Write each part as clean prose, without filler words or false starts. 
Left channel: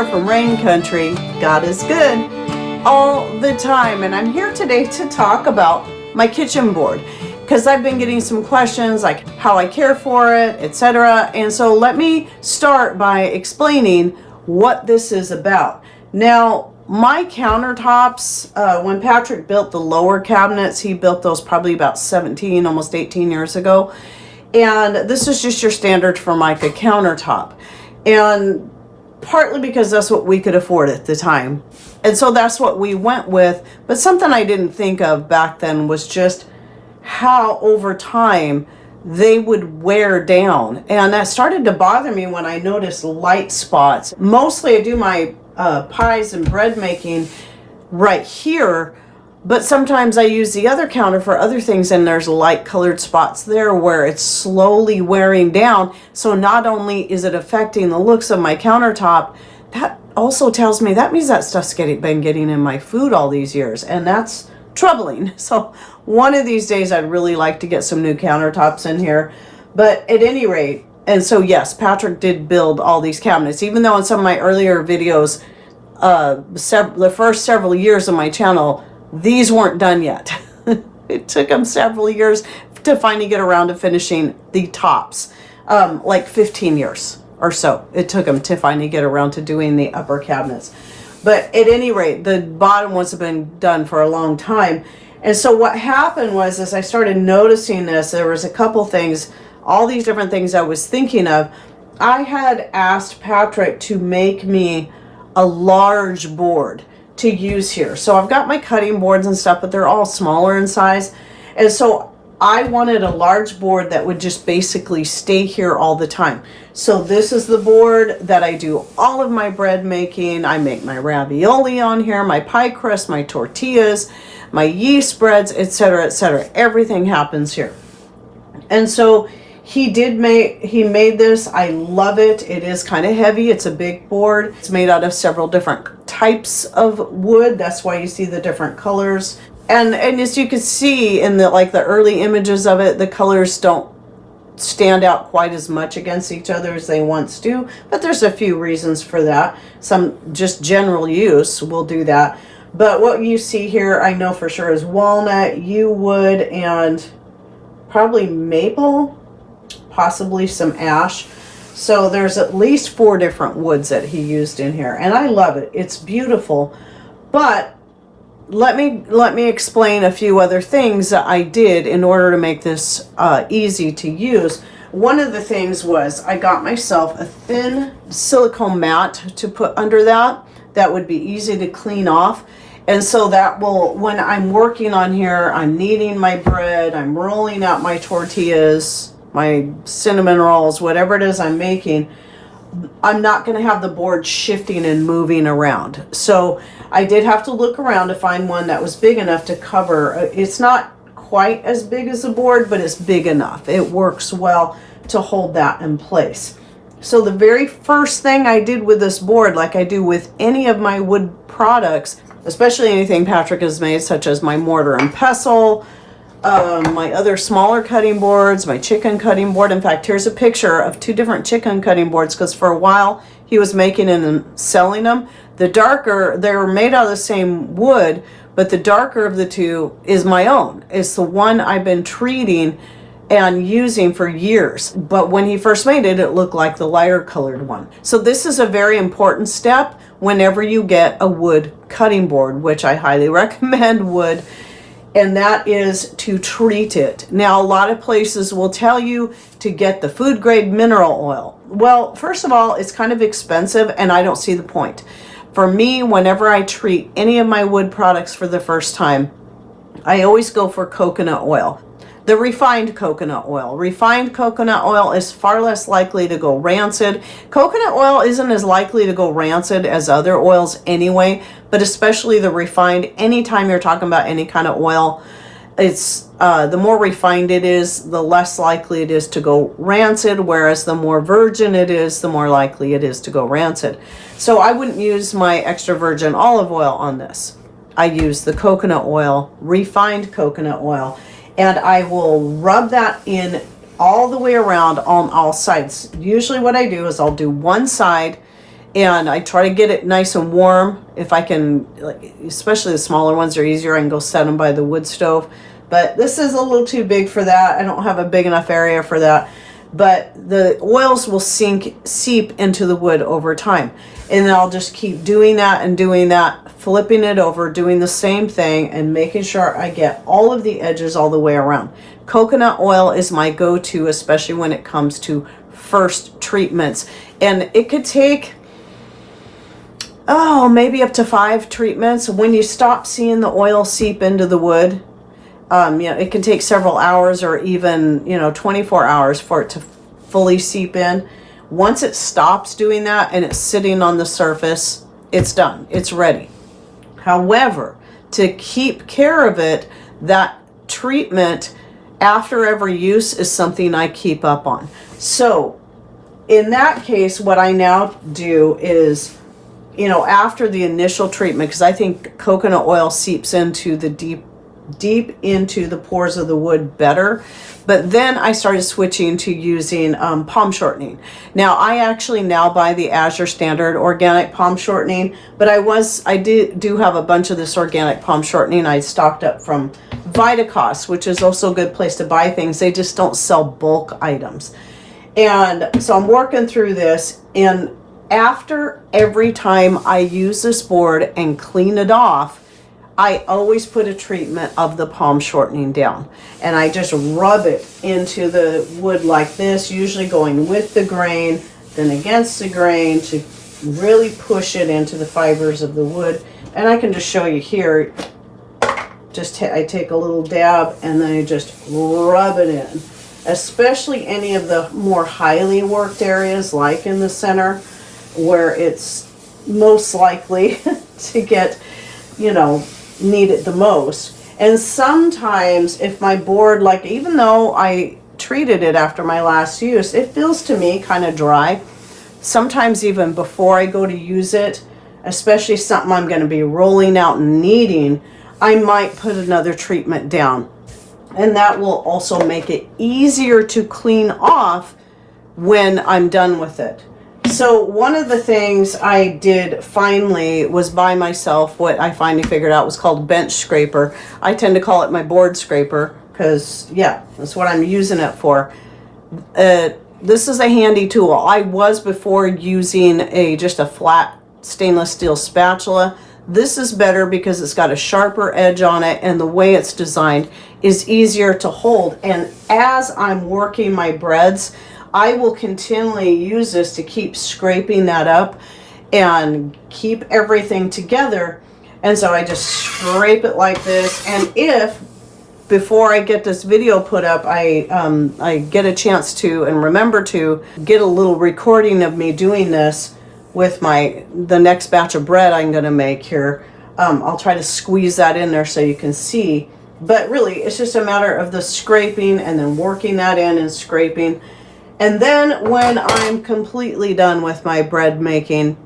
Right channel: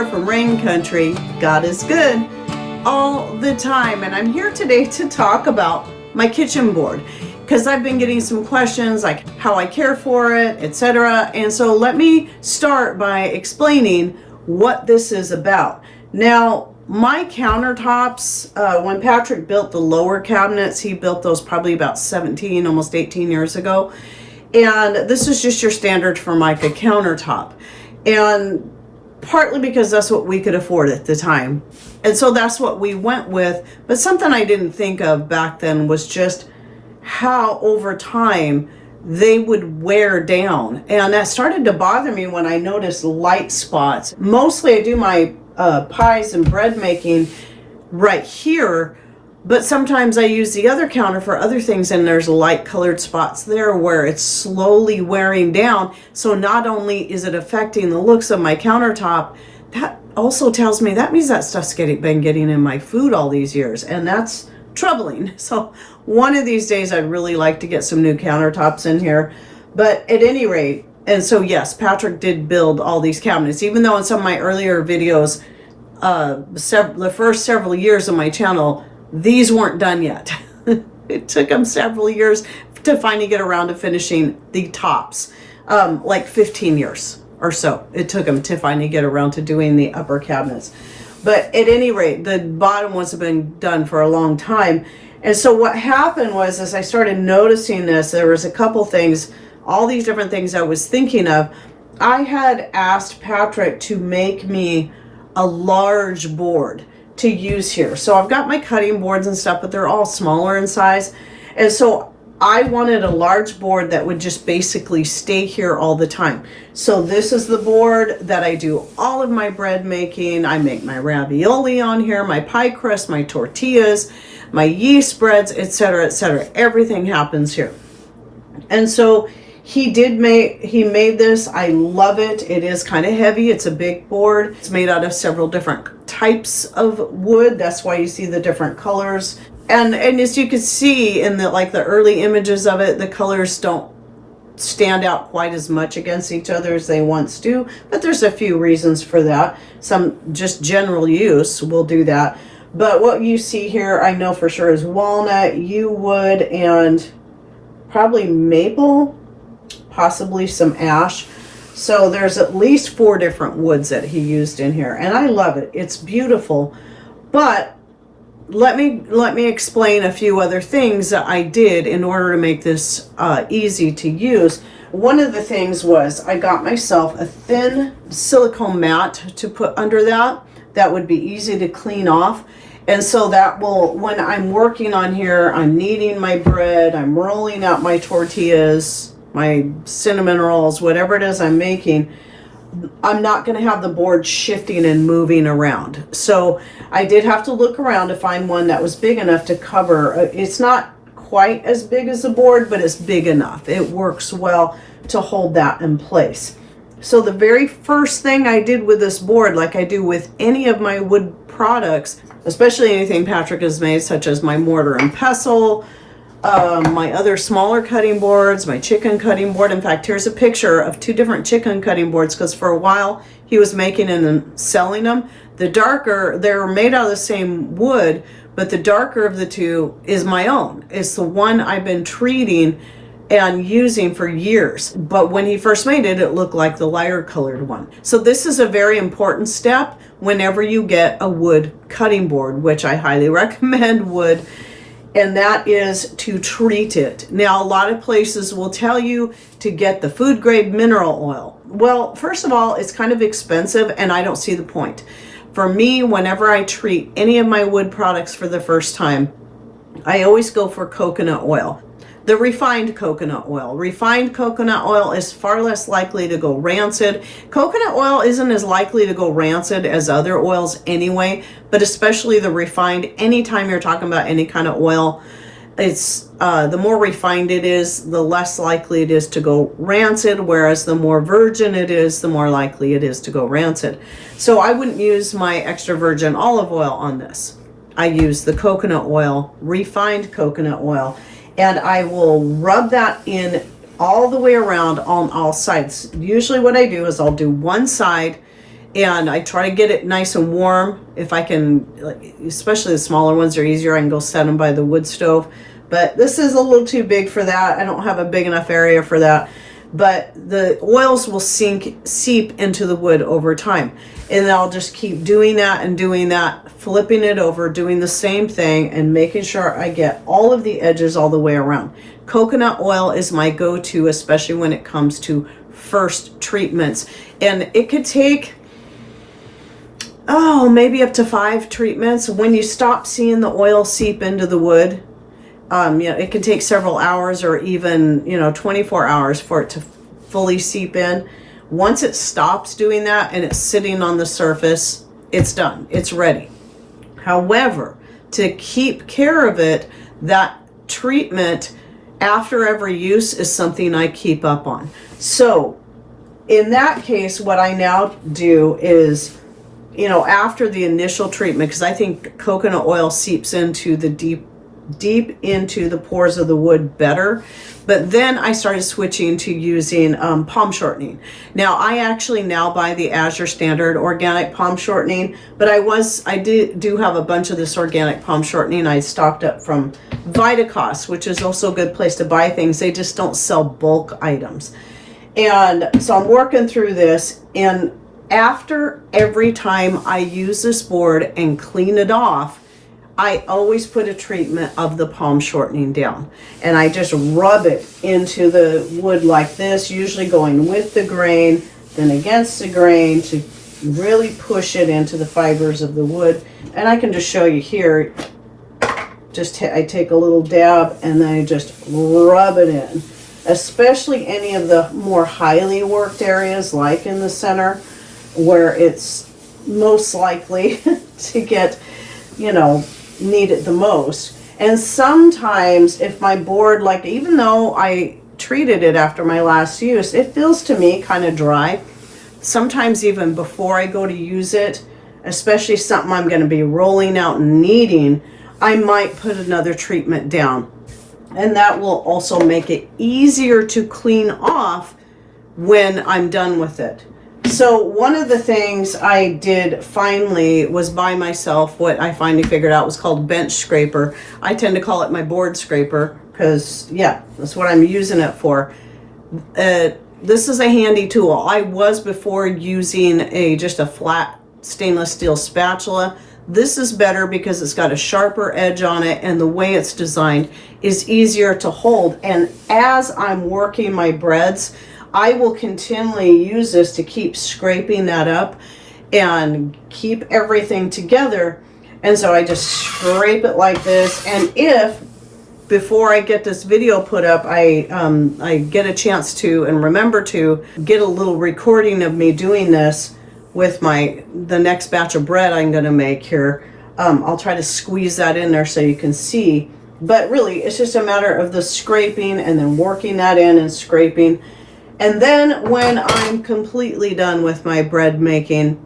here from Rain Country. God is good all the time, and I'm here today to talk about my kitchen board because I've been getting some questions like how I care for it, etc. And so let me start by explaining what this is about. Now, my countertops, when Patrick built the lower cabinets, he built those probably about 17, almost 18 years ago. And this is just your standard Formica countertop. And partly because that's what we could afford at the time. And so that's what we went with. But something I didn't think of back then was just how over time they would wear down. And that started to bother me when I noticed light spots. Mostly I do my pies and bread making right here, but sometimes I use the other counter for other things and there's light colored spots there where it's slowly wearing down. So not only is it affecting the looks of my countertop, that also tells me that means that stuff's been getting in my food all these years, and that's troubling. So one of these days I'd really like to get some new countertops in here. But at any rate, and so yes, Patrick did build all these cabinets, even though in some of my earlier videos, the first several years of my channel, these weren't done yet. It took him several years to finally get around to finishing the tops, like 15 years or so. It took him to finally get around to doing the upper cabinets. But at any rate, the bottom ones have been done for a long time. And so what happened was, as I started noticing this, there was a couple things, all these different things I was thinking of. I had asked Patrick to make me a large board to use here. So I've got my cutting boards and stuff, but they're all smaller in size. And so I wanted a large board that would just basically stay here all the time. So this is the board that I do all of my bread making. I make my ravioli on here, my pie crust, my tortillas, my yeast breads, etc., etc. Everything happens here. And so he made this. I love it. It is kind of heavy. It's a big board. It's made out of several different types of wood. That's why you see the different colors. And as you can see in the early images of it, the colors don't stand out quite as much against each other as they once do. But there's a few reasons for that. Some just general use will do that. But what you see here, I know for sure, is walnut, yew wood, and probably maple, possibly some ash. So there's at least 4 different woods that he used in here, and I love it. It's beautiful. But let me explain a few other things that I did in order to make this easy to use. One of the things was I got myself a thin silicone mat to put under that would be easy to clean off. And so that will, when I'm working on here, I'm kneading my bread, I'm rolling out my tortillas, my cinnamon rolls, whatever it is I'm making, I'm not going to have the board shifting and moving around. So I did have to look around to find one that was big enough to cover. It's not quite as big as the board, but it's big enough. It works well to hold that in place. So the very first thing I did with this board, like I do with any of my wood products, especially anything Patrick has made, such as my mortar and pestle, my other smaller cutting boards, my chicken cutting board. In fact, here's a picture of 2 different chicken cutting boards, because for a while he was making and selling them. The darker, they're made out of the same wood, but the darker of the 2 is my own. It's the one I've been treating and using for years. But when he first made it, it looked like the lighter colored one. So this is a very important step whenever you get a wood cutting board, which I highly recommend wood, and that is to treat it. Now, a lot of places will tell you to get the food grade mineral oil. Well, first of all, it's kind of expensive and I don't see the point. For me, whenever I treat any of my wood products for the first time, I always go for coconut oil. The refined coconut oil. Refined coconut oil is far less likely to go rancid. Coconut oil isn't as likely to go rancid as other oils anyway, but especially the refined. Anytime you're talking about any kind of oil, it's the more refined it is, the less likely it is to go rancid, whereas the more virgin it is, the more likely it is to go rancid. So I wouldn't use my extra virgin olive oil on this. I use the coconut oil, refined coconut oil, and I will rub that in all the way around on all sides. Usually what I do is I'll do one side And I try to get it nice and warm if I can, especially the smaller ones are easier. I can go set them by the wood stove. But this is a little too big for that. I don't have a big enough area for that. But the oils will seep into the wood over time. And then I'll just keep doing that and doing that, flipping it over, doing the same thing, and making sure I get all of the edges all the way around. Coconut oil is my go-to, especially when it comes to first treatments. And it could take, maybe up to 5 treatments. When you stop seeing the oil seep into the wood, it can take several hours or even, 24 hours for it to fully seep in. Once it stops doing that and it's sitting on the surface, it's done. It's ready. However, to keep care of it, that treatment after every use is something I keep up on. So in that case, what I now do is, after the initial treatment, because I think coconut oil seeps into the deep into the pores of the wood better. But then I started switching to using palm shortening. Now I actually now buy the Azure Standard organic palm shortening, but I do have a bunch of this organic palm shortening I stocked up from Vitacost, which is also a good place to buy things. They just don't sell bulk items. And so I'm working through this, and after every time I use this board and clean it off, I always put a treatment of the palm shortening down, and I just rub it into the wood like this, usually going with the grain, then against the grain to really push it into the fibers of the wood. And I can just show you here, I take a little dab and then I just rub it in, especially any of the more highly worked areas like in the center where it's most likely to get, need it the most. And sometimes if my board, even though I treated it after my last use, it feels to me kind of dry. Sometimes even before I go to use it, especially something I'm going to be rolling out and kneading, I might put another treatment down. And that will also make it easier to clean off when I'm done with it. So one of the things I did finally was buy myself what I finally figured out was called bench scraper. I tend to call it my board scraper because, that's what I'm using it for. This is a handy tool. I was before using just a flat stainless steel spatula. This is better because it's got a sharper edge on it, and the way it's designed is easier to hold. And as I'm working my breads, I will continually use this to keep scraping that up and keep everything together. And so I just scrape it like this. And if before I get this video put up, I get a chance to and remember to get a little recording of me doing this with the next batch of bread I'm going to make here, I'll try to squeeze that in there so you can see. But really, it's just a matter of the scraping and then working that in and scraping. And then when I'm completely done with my bread making,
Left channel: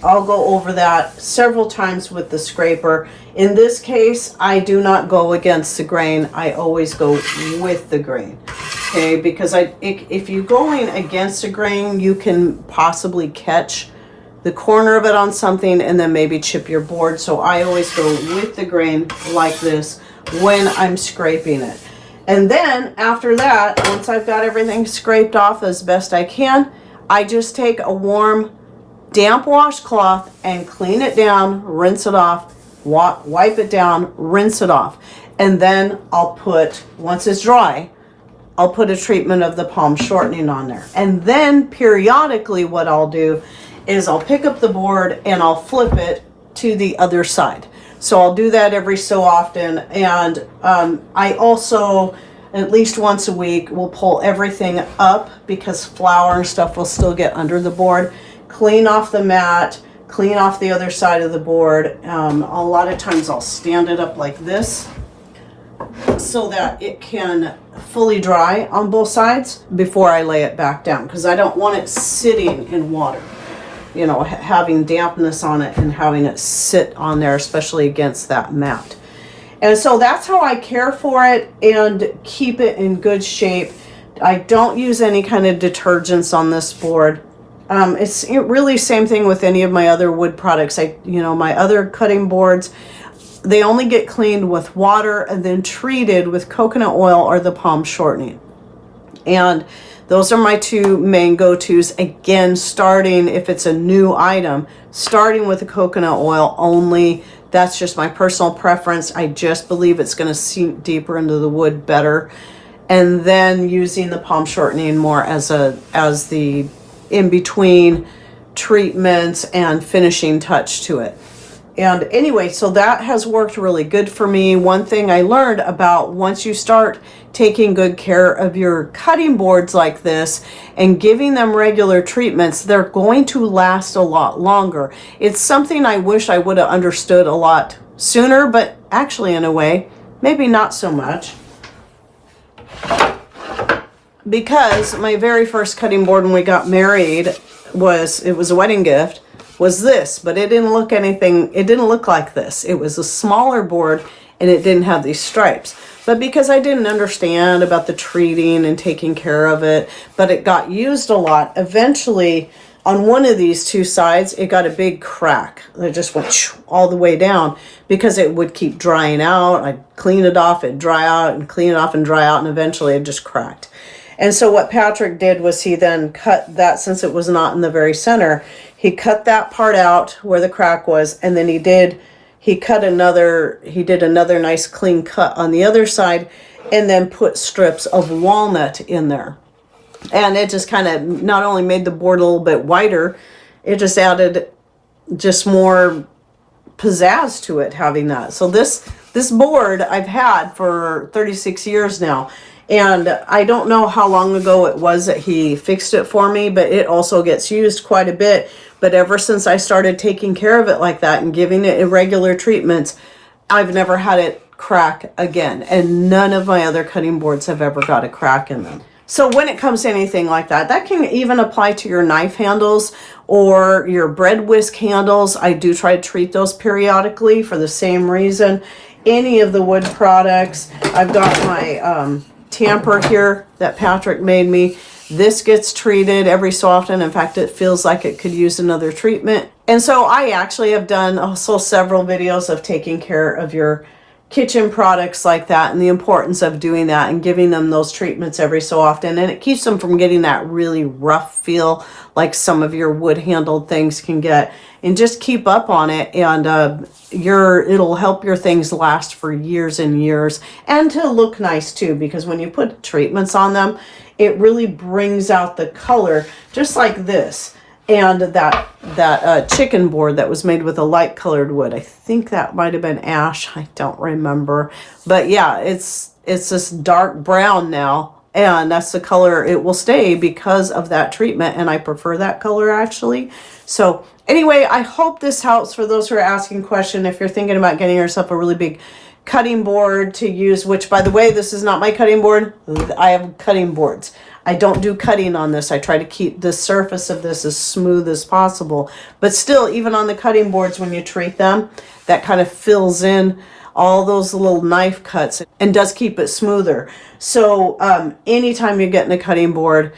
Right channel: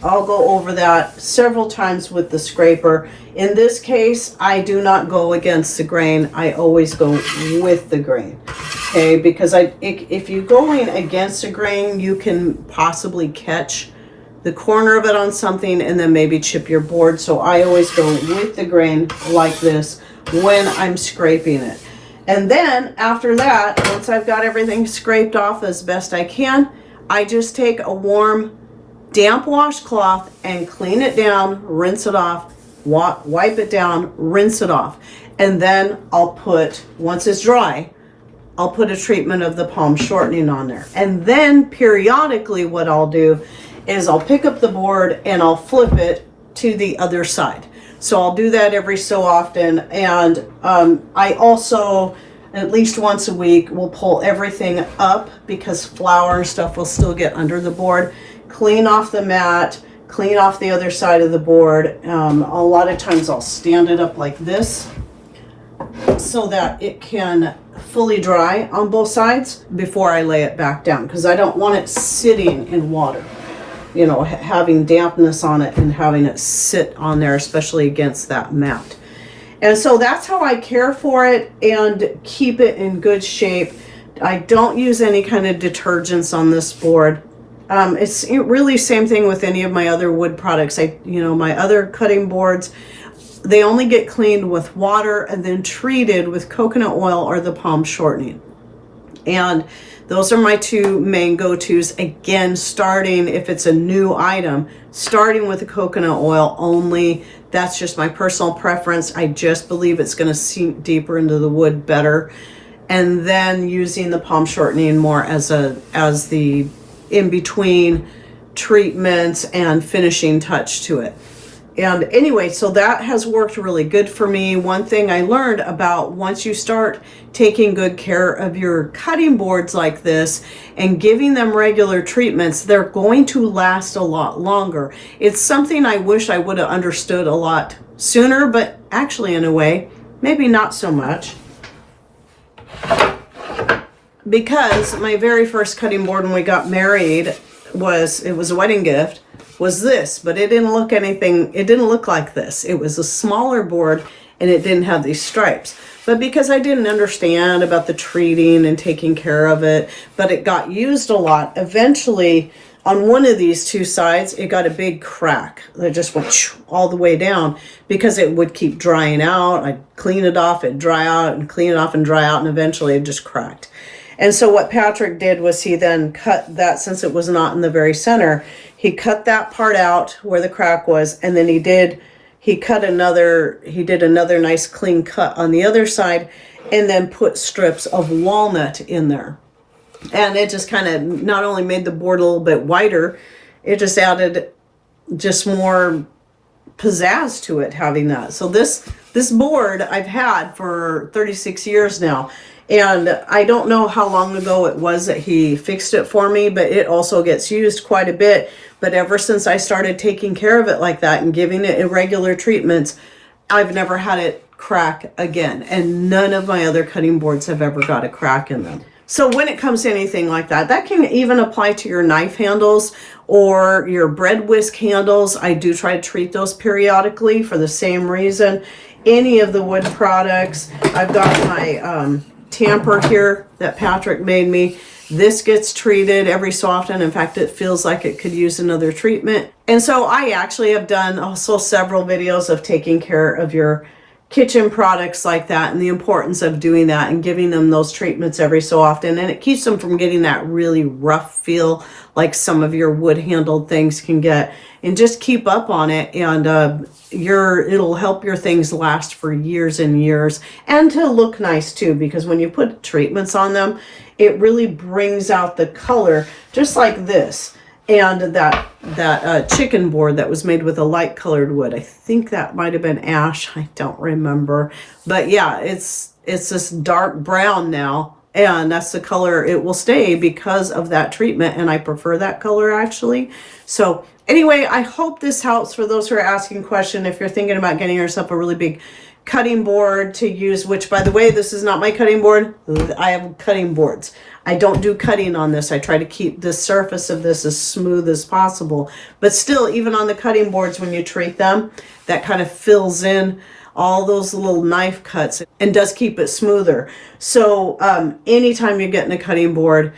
I'll go over that several times with the scraper. In this case, I do not go against the grain. I always go with the grain. Okay, because if you're going against the grain, you can possibly catch the corner of it on something and then maybe chip your board. So I always go with the grain like this when I'm scraping it. And then after that, once I've got everything scraped off as best I can, I just take a warm, damp washcloth and clean it down, rinse it off, wipe it down, rinse it off. And then I'll put, once it's dry, I'll put a treatment of the palm shortening on there. And then periodically what I'll do is I'll pick up the board and I'll flip it to the other side. So I'll do that every so often. And I also, at least once a week, will pull everything up because flour and stuff will still get under the board. Clean off the mat, clean off the other side of the board. A lot of times I'll stand it up like this so that it can fully dry on both sides before I lay it back down, because I don't want it sitting in water, having dampness on it and having it sit on there, especially against that mat. And so that's how I care for it and keep it in good shape. I don't use any kind of detergents on this board. It's really same thing with any of my other wood products. My other cutting boards, they only get cleaned with water and then treated with coconut oil or the palm shortening. And those are my two main go-tos. Again, starting, if it's a new item, starting with the coconut oil only. That's just my personal preference. I just believe it's going to sink deeper into the wood better. And then using the palm shortening more as the in-between treatments and finishing touch to it. And anyway, so that has worked really good for me. One thing I learned about, once you start taking good care of your cutting boards like this and giving them regular treatments, they're going to last a lot longer. It's something I wish I would have understood a lot sooner, but actually in a way, maybe not so much. Because my very first cutting board when we got married was a wedding gift, was this, but it didn't look like this. It was a smaller board and it didn't have these stripes. But because I didn't understand about the treating and taking care of it, but it got used a lot, eventually on one of these two sides, it got a big crack that just went all the way down because it would keep drying out. I'd clean it off, it'd dry out, and clean it off and dry out, and eventually it just cracked. And so what Patrick did was he then cut that, since it was not in the very center, he cut that part out where the crack was, and then he did another nice clean cut on the other side, and then put strips of walnut in there. And it just kind of not only made the board a little bit wider, it just added just more pizzazz to it having that. So this board I've had for 36 years now. And I don't know how long ago it was that he fixed it for me, but it also gets used quite a bit. But ever since I started taking care of it like that and giving it irregular treatments, I've never had it crack again. And none of my other cutting boards have ever got a crack in them. So when it comes to anything like that, that can even apply to your knife handles or your bread whisk handles. I do try to treat those periodically for the same reason. Any of the wood products. I've got my tamper here that Patrick made me. This gets treated every so often. In fact, it feels like it could use another treatment. And so I actually have done also several videos of taking care of your kitchen products like that and the importance of doing that and giving them those treatments every so often. And it keeps them from getting that really rough feel like some of your wood handled things can get. And just keep up on it, and it'll help your things last for years and years, and to look nice too, because when you put treatments on them, it really brings out the color, just like this. And that chicken board that was made with a light colored wood, I think that might have been ash, I don't remember, but yeah, it's this dark brown now, and that's the color it will stay because of that treatment, and I prefer that color actually. So anyway, I hope this helps for those who are asking questions. If you're thinking about getting yourself a really big cutting board to use, which by the way, this is not my cutting board. I have cutting boards. I don't do cutting on this. I try to keep the surface of this as smooth as possible. But still, even on the cutting boards, when you treat them, that kind of fills in all those little knife cuts and does keep it smoother. So anytime you're getting a cutting board,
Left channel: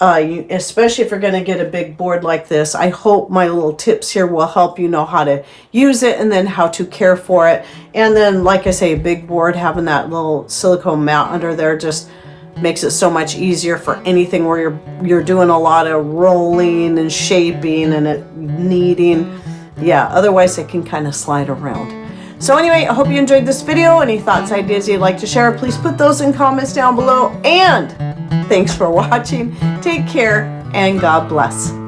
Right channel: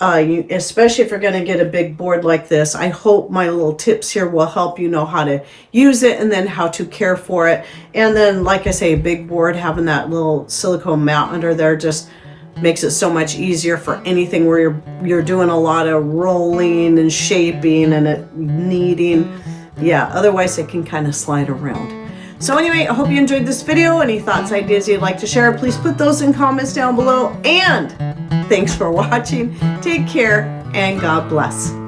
especially if you're going to get a big board like this, I hope my little tips here will help you know how to use it and then how to care for it. And then, like I say, a big board, having that little silicone mat under there just makes it so much easier for anything where you're doing a lot of rolling and shaping and it kneading. Yeah, otherwise it can kind of slide around. So anyway, I hope you enjoyed this video. Any thoughts, ideas you'd like to share, please put those in comments down below. And thanks for watching. Take care and God bless.